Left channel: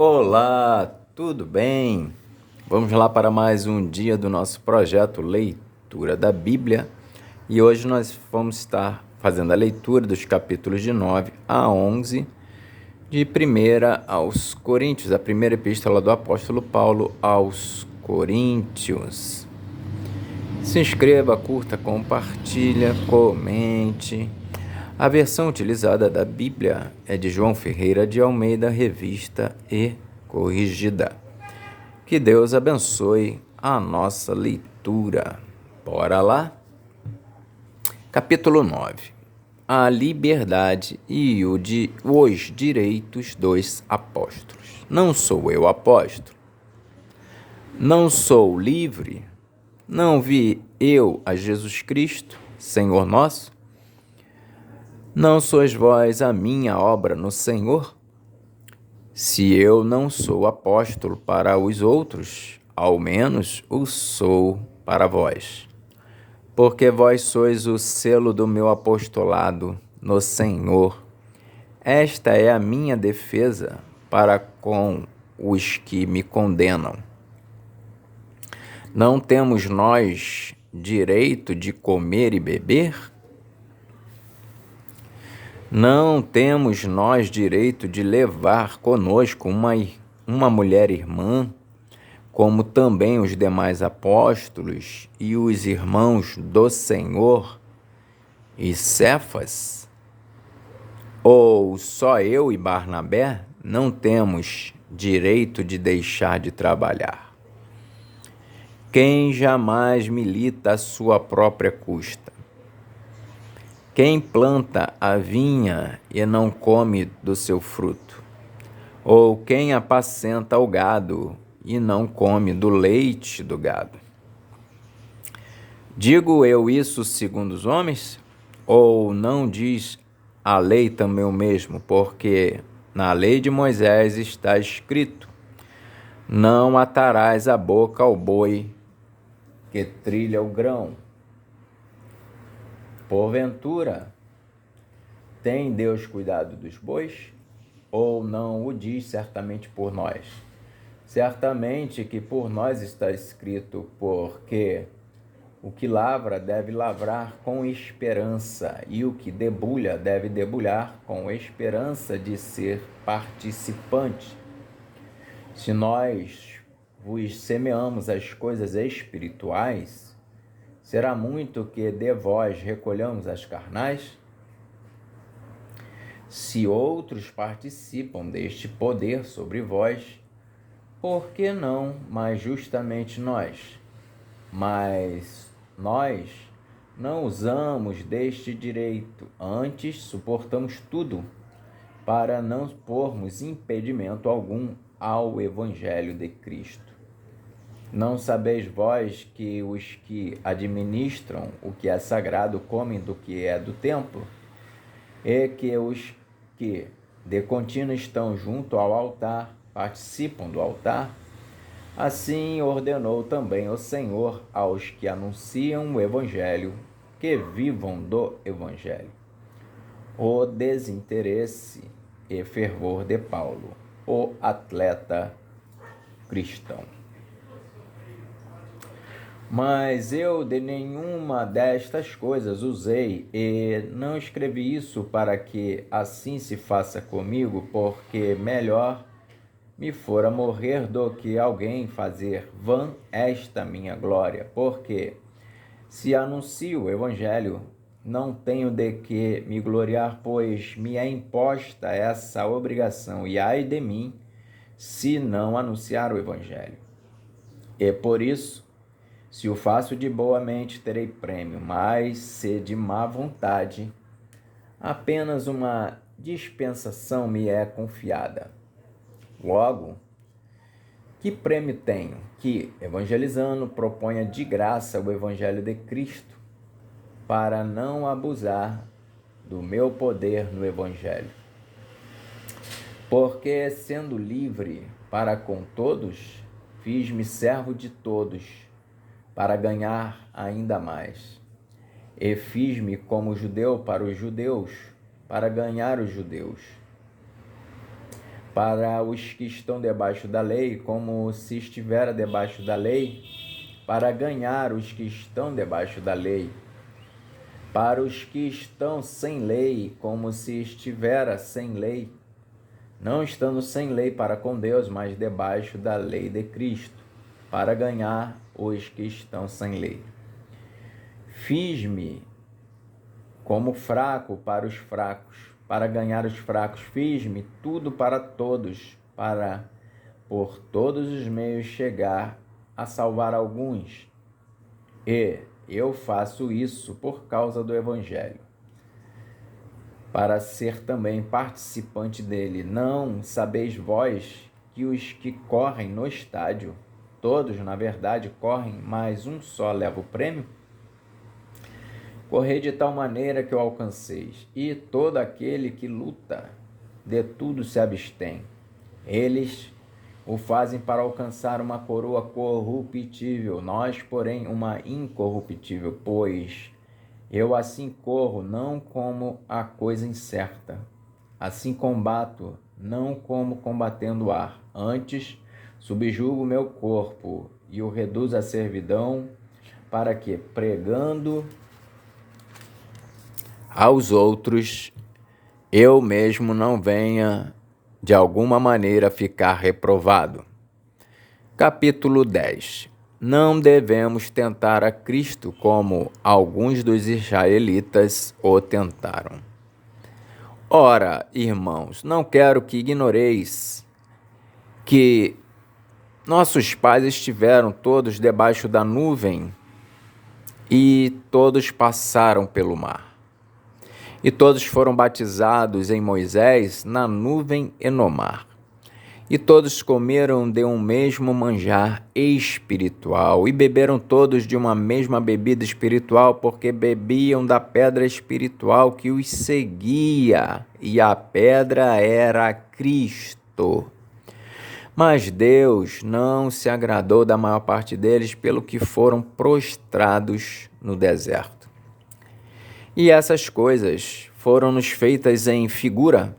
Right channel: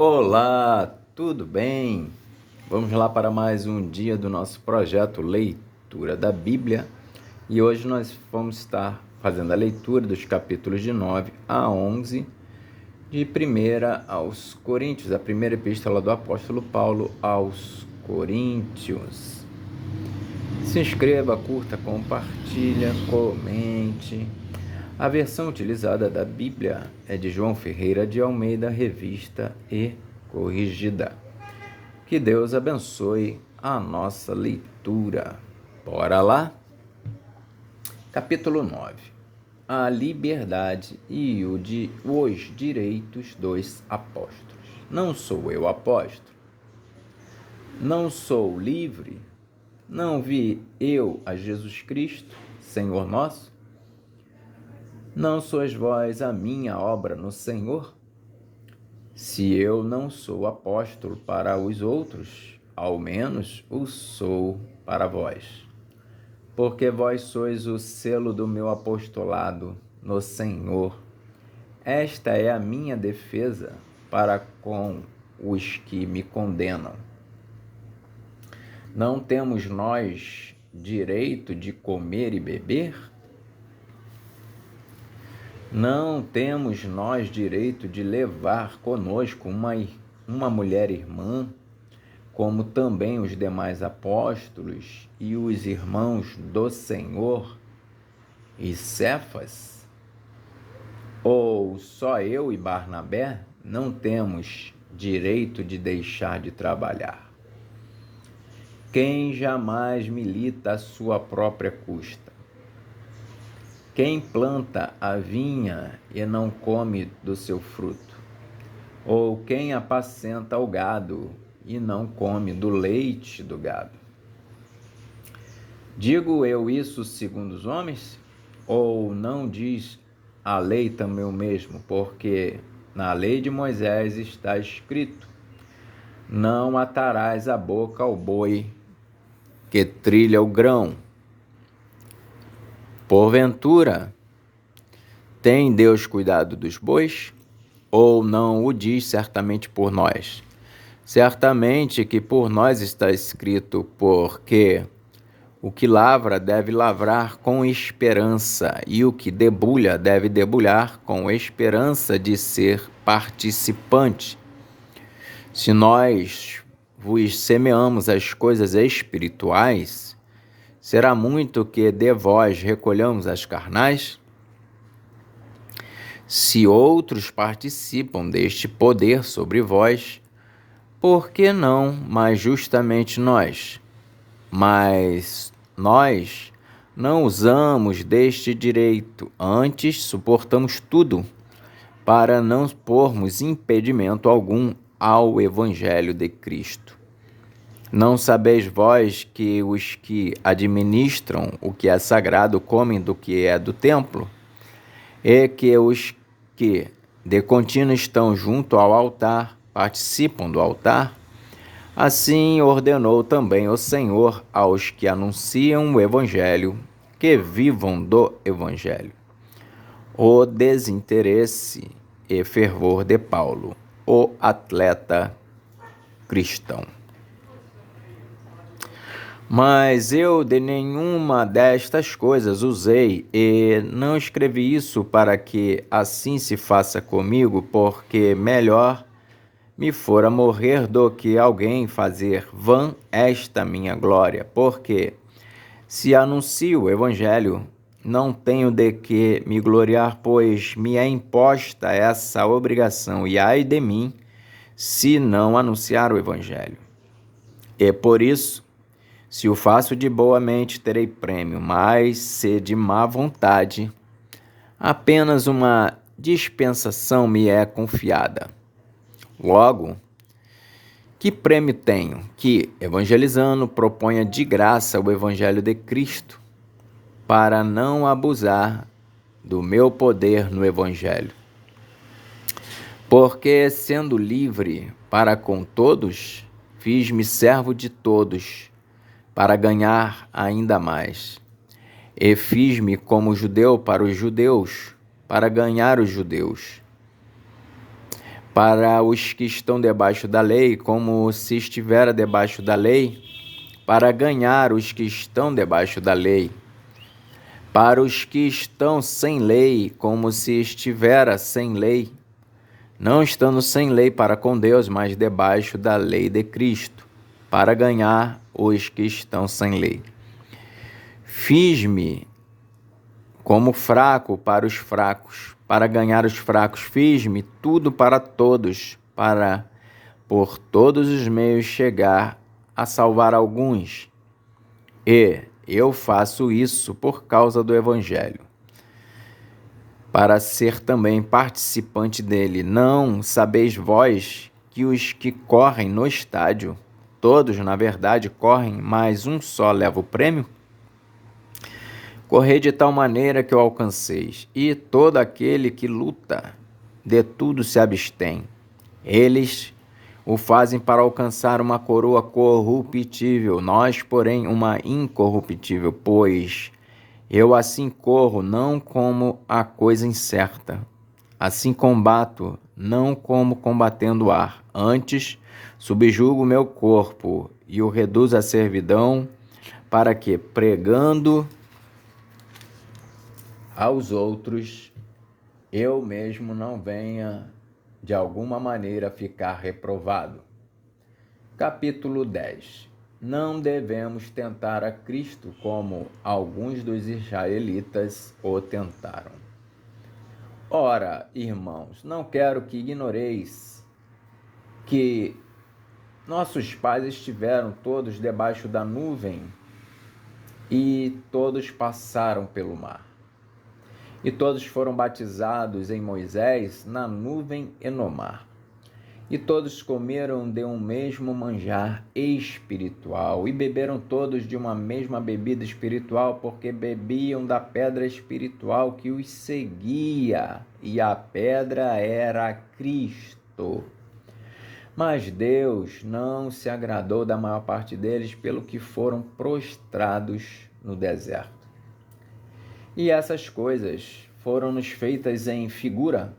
Olá, tudo bem? Vamos lá para mais um dia do nosso projeto Leitura da Bíblia e hoje nós vamos estar fazendo a leitura dos capítulos de 9 a 11 de 1 aos Coríntios, a primeira epístola do apóstolo Paulo aos Coríntios. Se inscreva, curta, compartilha, comente. A versão utilizada da Bíblia é de João Ferreira de Almeida, revista e corrigida. Que Deus abençoe a nossa leitura. Bora lá? Capítulo 9. A liberdade e os direitos dos apóstolos. Não sou eu apóstolo? Não sou livre? Não vi eu a Jesus Cristo, Senhor nosso? Não sois vós a minha obra no Senhor? Se eu não sou apóstolo para os outros, ao menos o sou para vós. Porque vós sois o selo do meu apostolado no Senhor. Esta é a minha defesa para com os que me condenam. Não temos nós direito de comer e beber? Não temos nós direito de levar conosco uma mulher irmã, como também os demais apóstolos e os irmãos do Senhor e Cefas? Ou só eu e Barnabé não temos direito de deixar de trabalhar? Quem jamais milita à sua própria custa? Quem planta a vinha e não come do seu fruto? Ou quem apacenta o gado e não come do leite do gado? Digo eu isso segundo os homens? Ou não diz a lei também o mesmo? Porque na lei de Moisés está escrito: não atarás a boca ao boi que trilha o grão. Porventura, tem Deus cuidado dos bois? Ou não o diz certamente por nós? Certamente que por nós está escrito, porque o que lavra deve lavrar com esperança, e o que debulha deve debulhar com esperança de ser participante. Se nós vos semeamos as coisas espirituais, será muito que de vós recolhamos as carnais? Se outros participam deste poder sobre vós, por que não mais justamente nós? Mas nós não usamos deste direito, antes suportamos tudo, para não pormos impedimento algum ao Evangelho de Cristo. Não sabeis vós que os que administram o que é sagrado comem do que é do templo? E que os que de contínuo estão junto ao altar participam do altar? Assim ordenou também o Senhor aos que anunciam o Evangelho, que vivam do Evangelho. O desinteresse e fervor de Paulo, o atleta cristão. Mas eu de nenhuma destas coisas usei, e não escrevi isso para que assim se faça comigo, porque melhor me fora morrer do que alguém fazer vã esta minha glória. Porque se anuncio o Evangelho, não tenho de que me gloriar, pois me é imposta essa obrigação, e ai de mim, se não anunciar o Evangelho. E por isso, se o faço de boa mente, terei prêmio, mas se de má vontade, apenas uma dispensação me é confiada. Logo, que prêmio tenho? Que, evangelizando, proponha de graça o Evangelho de Cristo, para não abusar do meu poder no Evangelho. Porque, sendo livre para com todos, fiz-me servo de todos, para ganhar ainda mais. E fiz-me como judeu para os judeus, para ganhar os judeus. para os que estão debaixo da lei, como se estivera debaixo da lei, para ganhar os que estão debaixo da lei, para os que estão sem lei, como se estivera sem lei, não estando sem lei para com Deus, mas debaixo da lei de Cristo, para ganhar os que estão sem lei. Fiz-me como fraco para os fracos, para ganhar os fracos. Fiz-me tudo para todos, para por todos os meios chegar a salvar alguns. E eu faço isso por causa do Evangelho, para ser também participante dele. Não sabeis vós que os que correm no estádio, todos, na verdade, correm, mas um só leva o prêmio? Correi de tal maneira que o alcanceis, e todo aquele que luta, de tudo se abstém. Eles o fazem para alcançar uma coroa corruptível, nós, porém, uma incorruptível, pois eu assim corro, não como a coisa incerta. Assim combato, não como combatendo o ar. Antes, subjugo o meu corpo e o reduzo à servidão, para que, pregando aos outros, eu mesmo não venha de alguma maneira ficar reprovado. Capítulo 10. Não devemos tentar a Cristo como alguns dos israelitas o tentaram. Ora, irmãos, não quero que ignoreis que nossos pais estiveram todos debaixo da nuvem e todos passaram pelo mar. E todos foram batizados em Moisés na nuvem e no mar. E todos comeram de um mesmo manjar espiritual e beberam todos de uma mesma bebida espiritual, porque bebiam da pedra espiritual que os seguia, e a pedra era Cristo. Mas Deus não se agradou da maior parte deles, pelo que foram prostrados no deserto. E essas coisas foram-nos feitas em figura,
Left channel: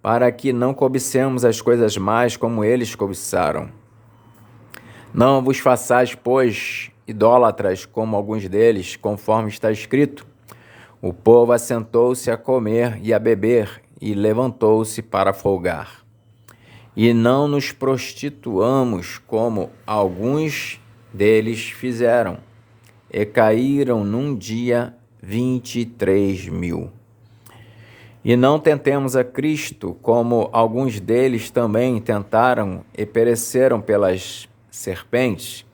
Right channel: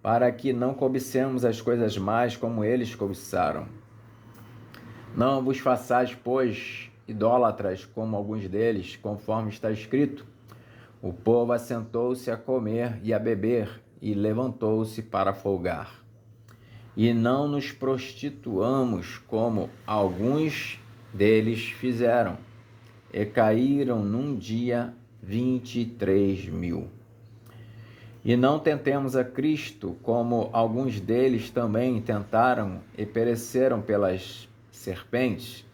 para que não cobicemos as coisas más como eles cobiçaram. Não vos façais, pois, idólatras como alguns deles, conforme está escrito: o povo assentou-se a comer e a beber, e levantou-se para folgar. E não nos prostituamos como alguns deles fizeram, e caíram num dia 23.000. E não tentemos a Cristo, como alguns deles também tentaram e pereceram pelas serpentes.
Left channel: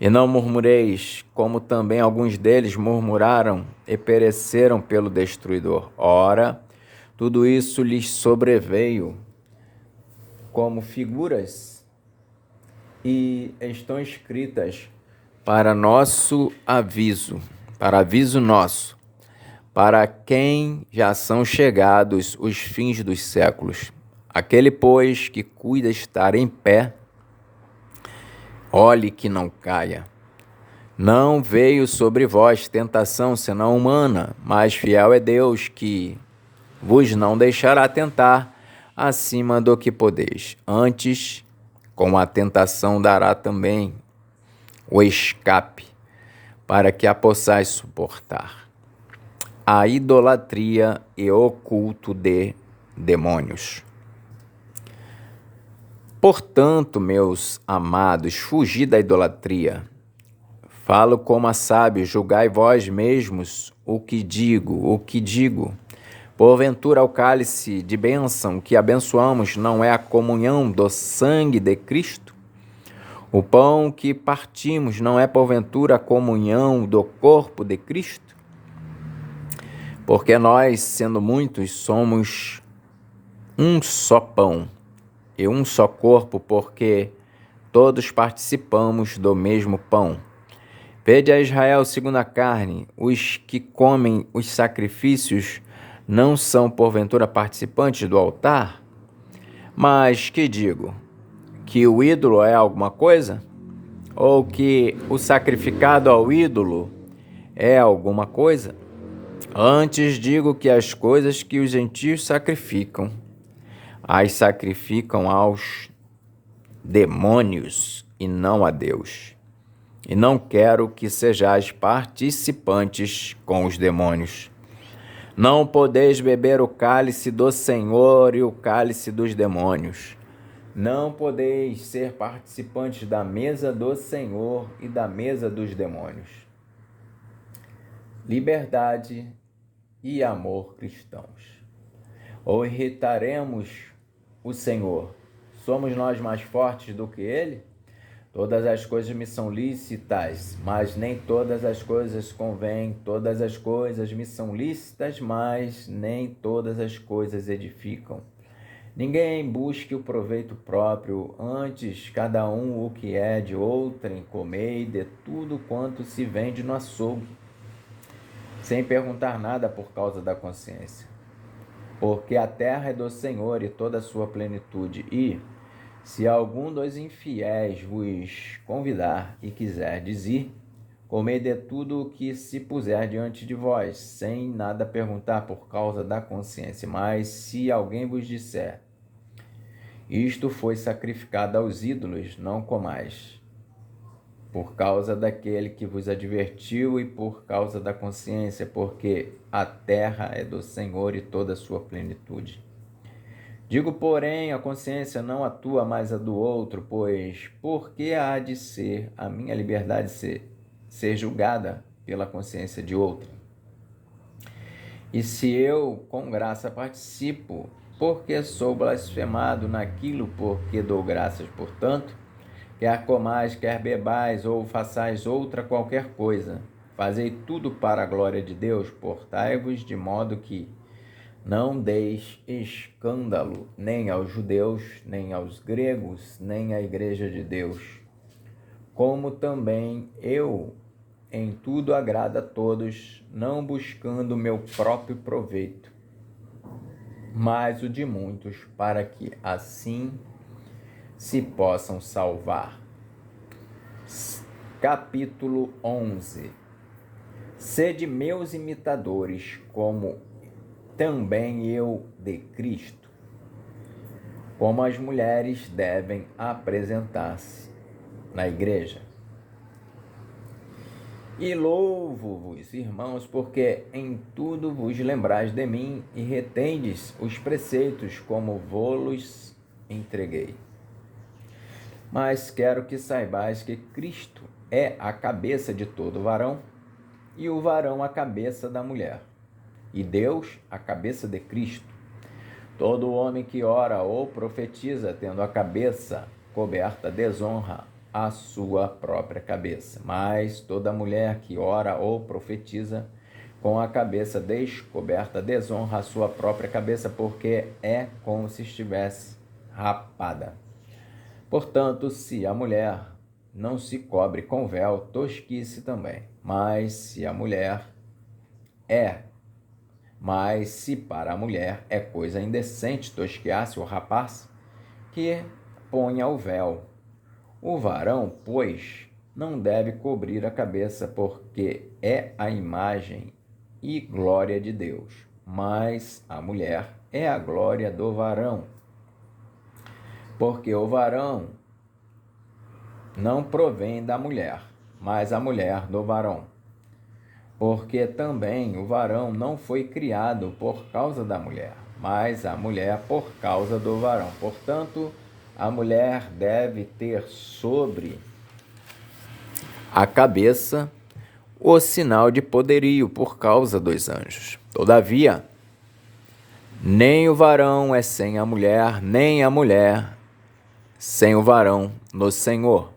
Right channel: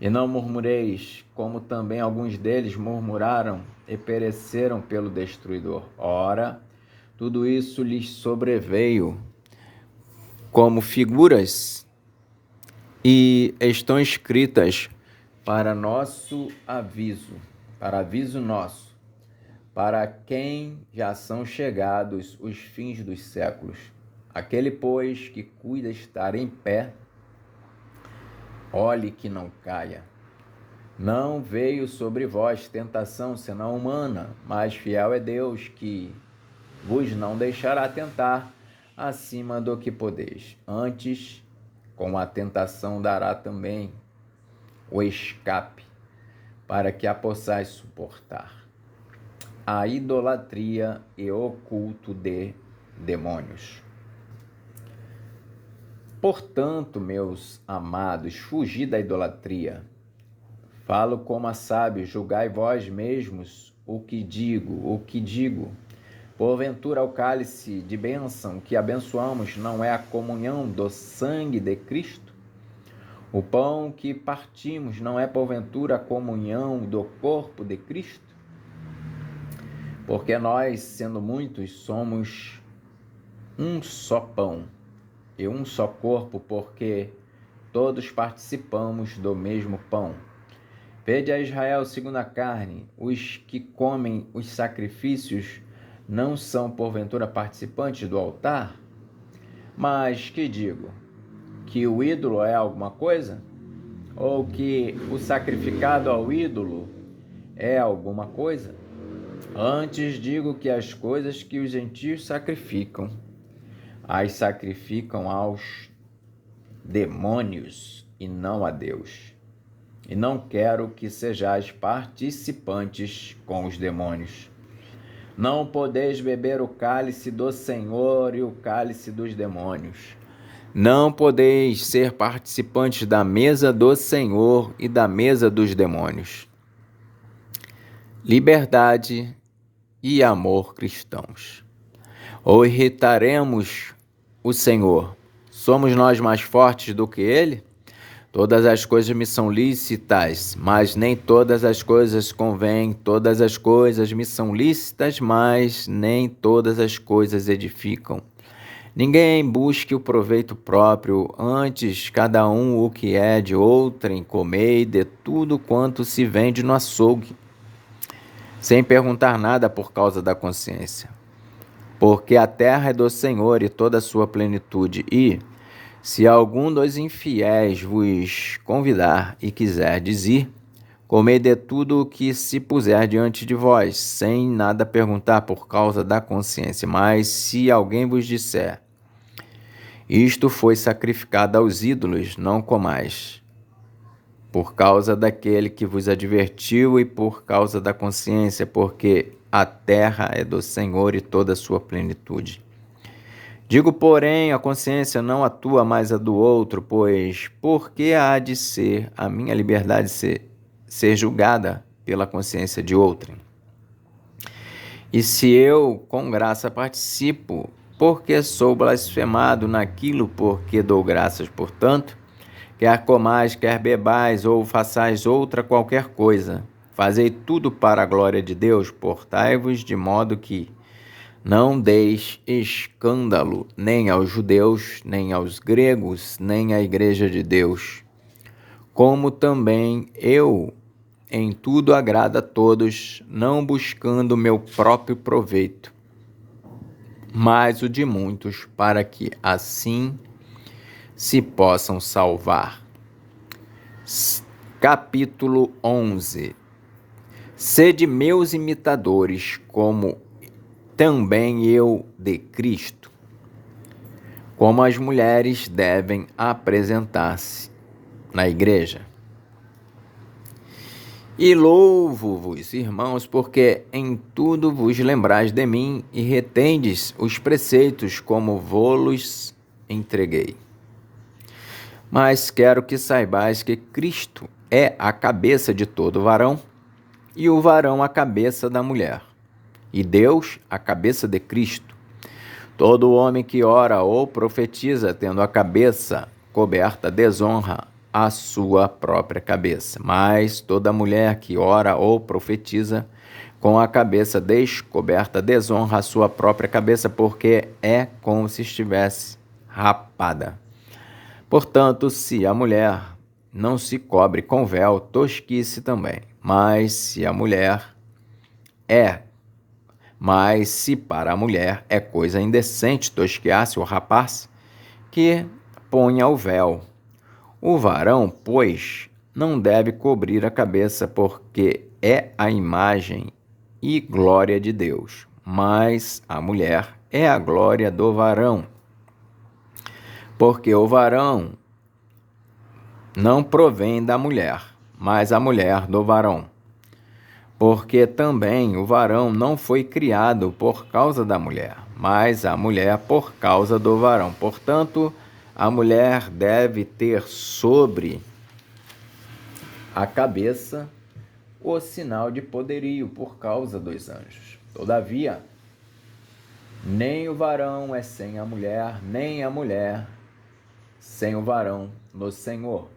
E não murmureis, como também alguns deles murmuraram e pereceram pelo destruidor. Ora, tudo isso lhes sobreveio como figuras e estão escritas para nosso aviso, para aviso nosso, para quem já são chegados os fins dos séculos. Aquele, pois, que cuida estar em pé, olhe que não caia. Não veio sobre vós tentação senão humana, mas fiel é Deus, que vos não deixará tentar acima do que podeis. Antes, com a tentação dará também o escape, para que a possais suportar. A idolatria e o culto de demônios. Portanto, meus amados, fugi da idolatria. Falo como a sábios, julgai vós mesmos o que digo. Porventura o cálice de bênção que abençoamos não é a comunhão do sangue de Cristo? O pão que partimos não é porventura a comunhão do corpo de Cristo? Porque nós, sendo muitos, somos um só pão e um só corpo, porque todos participamos do mesmo pão. Vede a Israel segundo a carne: os que comem os sacrifícios não são porventura participantes do altar? Mas que digo? Que o ídolo é alguma coisa? Ou que o sacrificado ao ídolo é alguma coisa? Antes digo que as coisas que os gentios sacrificam, as sacrificam aos demônios e não a Deus. E não quero que sejais participantes com os demônios. Não podeis beber o cálice do Senhor e o cálice dos demônios. Não podeis ser participantes da mesa do Senhor e da mesa dos demônios. Liberdade e amor cristãos. Ou irritaremos o Senhor? Somos nós mais fortes do que Ele? Todas as coisas me são lícitas, mas nem todas as coisas convêm. Todas as coisas me são lícitas, mas nem todas as coisas edificam. Ninguém busque o proveito próprio, antes cada um o que é de outrem, comei de tudo quanto se vende no açougue, sem perguntar nada por causa da consciência. Porque a terra é do Senhor e toda a sua plenitude, e, se algum dos infiéis vos convidar e quiser dizer, comei de tudo o que se puser diante de vós, sem nada perguntar por causa da consciência. Mas se alguém vos disser, isto foi sacrificado aos ídolos, não comais, por causa daquele que vos advertiu e por causa da consciência, porque a terra é do Senhor e toda a sua plenitude. Digo, porém, a consciência não atua mais a do outro, pois por que há de ser a minha liberdade ser julgada pela consciência de outrem? E se eu, com graça, participo, porque sou blasfemado naquilo por que dou graças, portanto, quer comais, quer bebais, ou façais outra qualquer coisa, fazei tudo para a glória de Deus, portai-vos de modo que não deis escândalo nem aos judeus, nem aos gregos, nem à igreja de Deus. Como também eu em tudo agrado a todos, não buscando meu próprio proveito, mas o de muitos, para que assim se possam salvar. Capítulo 11. Sede meus imitadores, como também eu de Cristo. Como as mulheres devem apresentar-se na igreja. E louvo-vos, irmãos, porque em tudo vos lembrais de mim e retendes os preceitos como vos entreguei. Mas quero que saibais que Cristo é a cabeça de todo varão, e o varão a cabeça da mulher, e Deus a cabeça de Cristo. Todo homem que ora ou profetiza, tendo a cabeça coberta, desonra a sua própria cabeça. Mas toda mulher que ora ou profetiza, com a cabeça descoberta, desonra a sua própria cabeça, porque é como se estivesse rapada. Portanto, se a mulher não se cobre com véu, tosquice também. Mas se para a mulher é coisa indecente tosquear-se ou rapar-se, que ponha o véu. O varão, pois, não deve cobrir a cabeça, porque é a imagem e glória de Deus, mas a mulher é a glória do varão. Porque o varão não provém da mulher, mas a mulher do varão. Porque também o varão não foi criado por causa da mulher, mas a mulher por causa do varão. Portanto, a mulher deve ter sobre a cabeça o sinal de poderio por causa dos anjos. Todavia, nem o varão é sem a mulher, nem a mulher sem o varão no Senhor.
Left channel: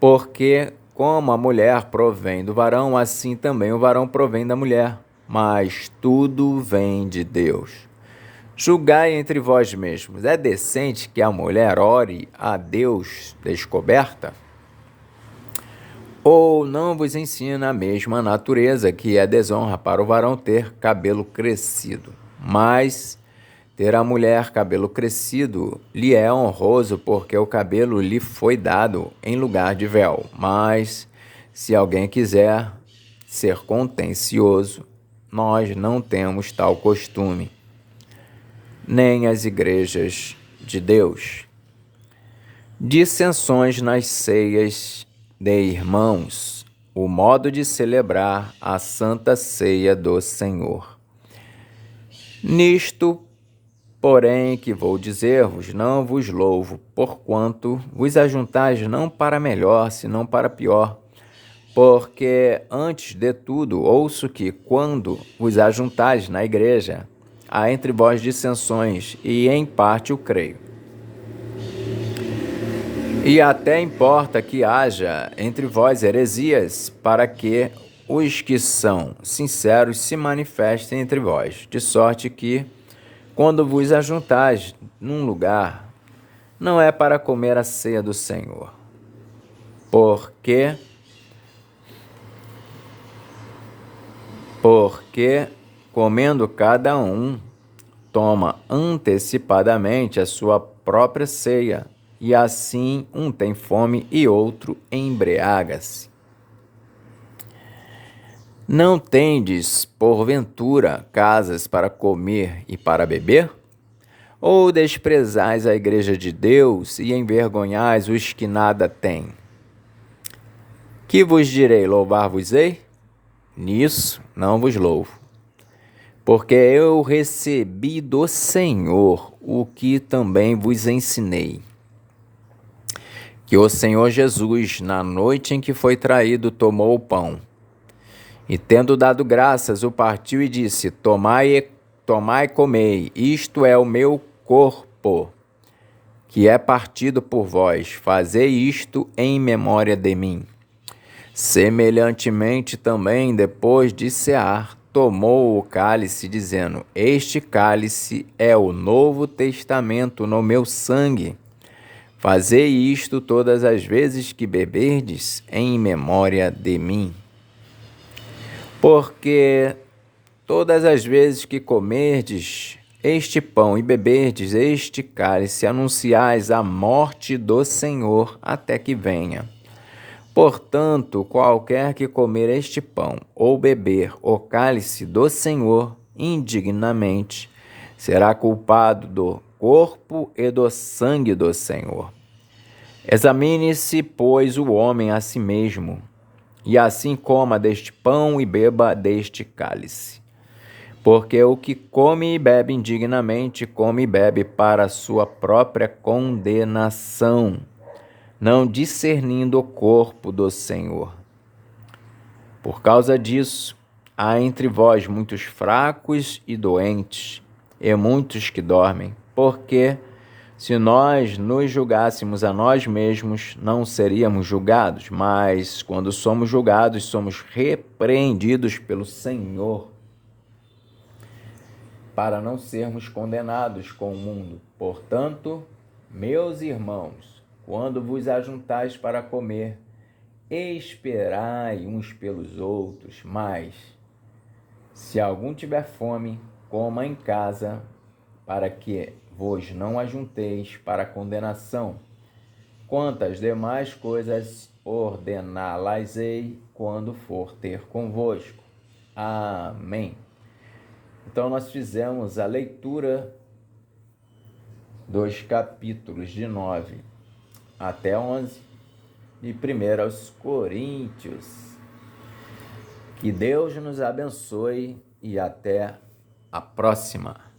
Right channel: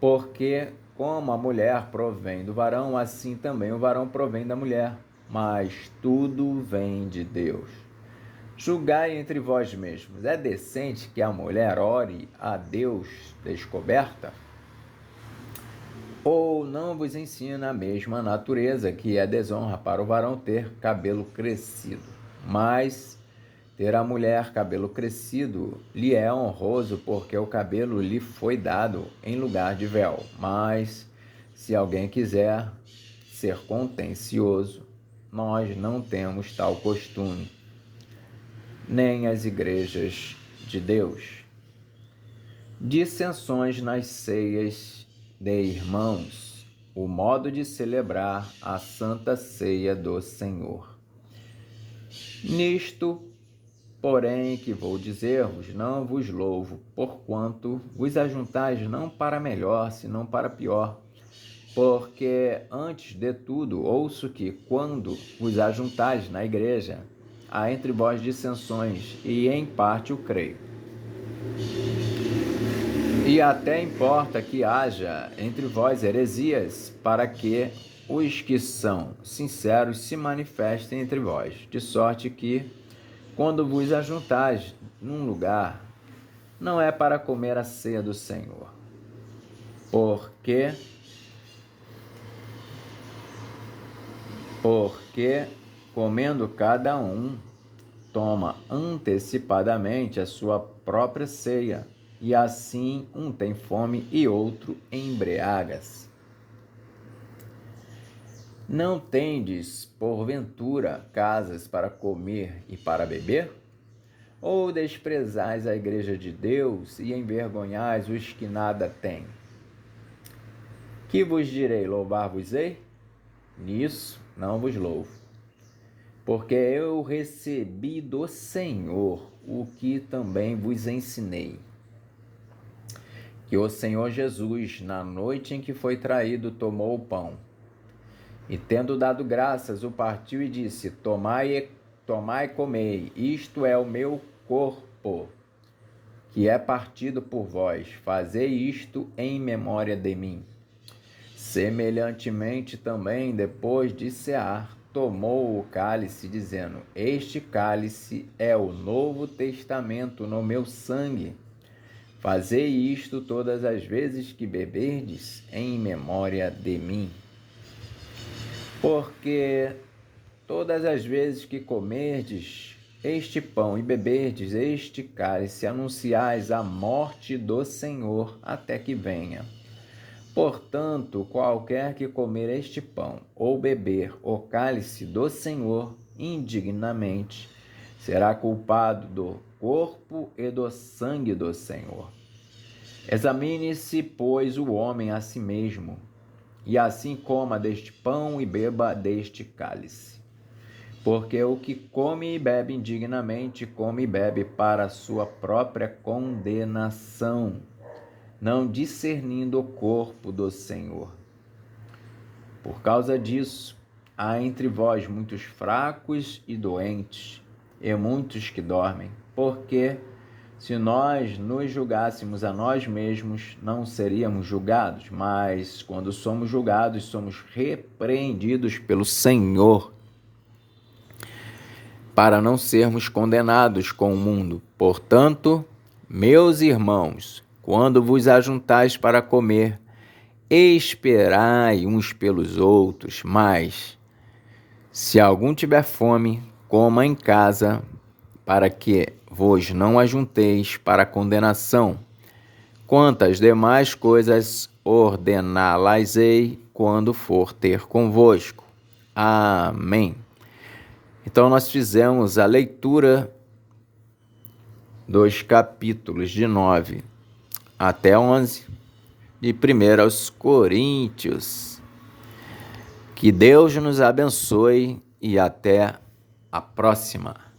Porque como a mulher provém do varão, assim também o varão provém da mulher. Mas tudo vem de Deus. Julgai entre vós mesmos, é decente que a mulher ore a Deus descoberta? Ou não vos ensina a mesma natureza, que é desonra para o varão ter cabelo crescido? Mas ter a mulher cabelo crescido lhe é honroso, porque o cabelo lhe foi dado em lugar de véu. Mas se alguém quiser ser contencioso, nós não temos tal costume. nem as igrejas de Deus. Dissensões nas ceias de irmãos, o modo de celebrar a Santa Ceia do Senhor. Nisto, porém, que vou dizer-vos, não vos louvo, porquanto vos ajuntais não para melhor, senão para pior. Porque, antes de tudo, ouço que, quando vos ajuntais na igreja, há entre vós dissensões, e em parte o creio. E até importa que haja entre vós heresias, para que os que são sinceros se manifestem entre vós, de sorte que, quando vos ajuntais num lugar, não é para comer a ceia do Senhor. Porque comendo cada um, toma antecipadamente a sua própria ceia, e assim um tem fome e outro embriaga-se. Não tendes, porventura, casas para comer e para beber? Ou desprezais a igreja de Deus e envergonhais os que nada têm? Que vos direi, louvar-vos-ei? Nisso não vos louvo, porque eu recebi do Senhor o que também vos ensinei. Que o Senhor Jesus, na noite em que foi traído, tomou o pão, e tendo dado graças, o partiu e disse: Tomai e comei, isto é o meu corpo, que é partido por vós, fazei isto em memória de mim. Semelhantemente também, depois de cear, tomou o cálice, dizendo: Este cálice é o novo testamento no meu sangue. Fazei isto todas as vezes que beberdes, em memória de mim. Porque todas as vezes que comerdes este pão e beberdes este cálice, anunciais a morte do Senhor até que venha. Portanto, qualquer que comer este pão ou beber o cálice do Senhor indignamente, será culpado do corpo e do sangue do Senhor. Examine-se, pois, o homem a si mesmo, e assim coma deste pão e beba deste cálice. Porque o que come e bebe indignamente, come e bebe para a sua própria condenação, não discernindo o corpo do Senhor. Por causa disso, há entre vós muitos fracos e doentes, e muitos que dormem, porque, se nós nos julgássemos a nós mesmos, não seríamos julgados, mas, quando somos julgados, somos repreendidos pelo Senhor, para não sermos condenados com o mundo. Portanto, meus irmãos, quando vos ajuntais para comer, esperai uns pelos outros, mas, se algum tiver fome, coma em casa, para que vos não ajunteis para condenação. Quantas demais coisas ordená-las-ei quando for ter convosco. Amém. Então, nós fizemos a leitura dos capítulos de 9 até 11 de 1 aos Coríntios. Que Deus nos abençoe e até a próxima.